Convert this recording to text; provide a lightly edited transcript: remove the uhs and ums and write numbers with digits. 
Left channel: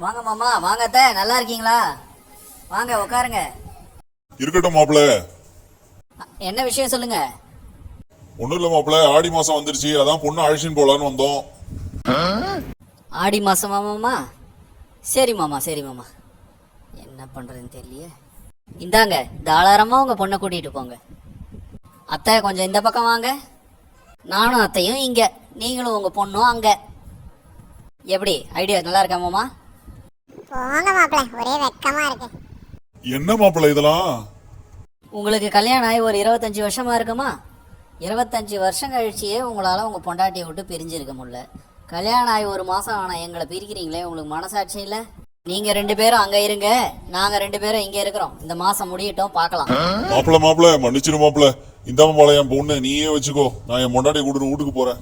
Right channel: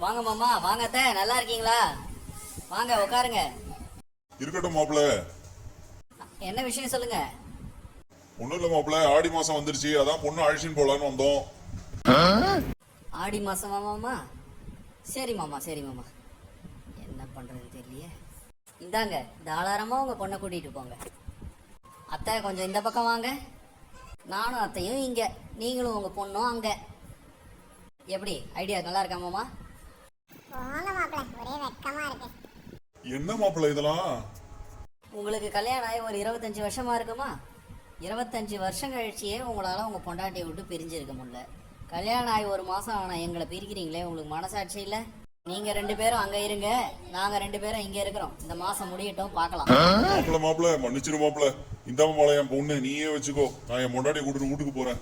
வாங்க மாமா, வாங்க அத்தை, நல்லா இருக்கீங்களா? வாங்க உட்காருங்க. இருக்கட்டும் மாப்பிள. என்ன விஷயம் சொல்லுங்க. ஒண்ணும் இல்ல மாப்பிள, ஆடி மாசம் வந்துருச்சு, அதான் பொண்ணு அழைச்சின்னு போலான்னு வந்தோம். ஆடி மாசமா மாமா? சரி மாமா, சரி மாமா. என்ன பண்றதுன்னு தெரியலையே. இந்தாங்க, தாராளமா உங்க பொண்ணை கூட்டிட்டு போங்க. அத்தை கொஞ்சம் இந்த பக்கம் வாங்க. நானும் அத்தையும் இங்க, நீங்களும் உங்க பொண்ணும் அங்க. எப்படி ஐடியா நல்லா இருக்கா மாமா? போங்க மாப்பிள்ள, ஒரே வெக்கமா இருக்கு. என்ன மாப்பிள இதெல்லாம்? உங்களுக்கு கல்யாணம் ஆகி ஒரு 25 வருஷமா இருக்குமா? 25 வருஷம் கழிச்சியே உங்களால் உங்கள் பொண்டாட்டியை விட்டு பிரிஞ்சிருக்க முடியல. கல்யாணம் ஆகி ஒரு மாதம் ஆனால் எங்களை பிரிக்கிறீங்களே, உங்களுக்கு மனசாட்சி இல்லை? நீங்கள் 2 பேரும் அங்கே இருங்க, நாங்கள் 2 பேரும் இங்கே இருக்கிறோம். இந்த மாதம் முடியட்டும், பார்க்கலாம். மாப்பிள மன்னிச்சிரு மாப்பிள. இந்த மாப்பிள என் பொண்ணு நீயே வச்சுக்கோ, நான் என் பொண்டாட்டியை கூட்டிட்டு வீட்டுக்கு போறேன்.